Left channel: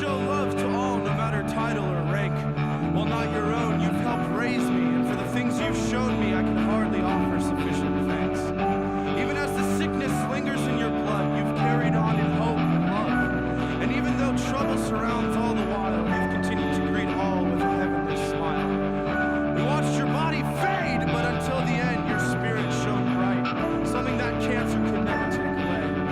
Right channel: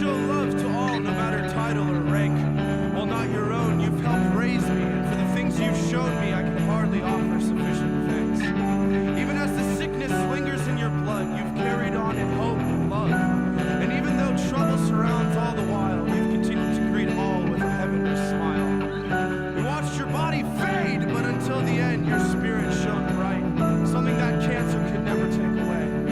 show love to all, no matter title or rank. While not your own, you've helped raise me, and for the things you've shown me, I can hardly offer sufficient thanks. Even as the sickness lingers in your blood, you've carried on in hope and love. And even though trouble surrounds all the while, you've continued to greet all with a heavenly smile. We watched your body fade, but until the end, your spirit shone bright, something that cancer could never take away.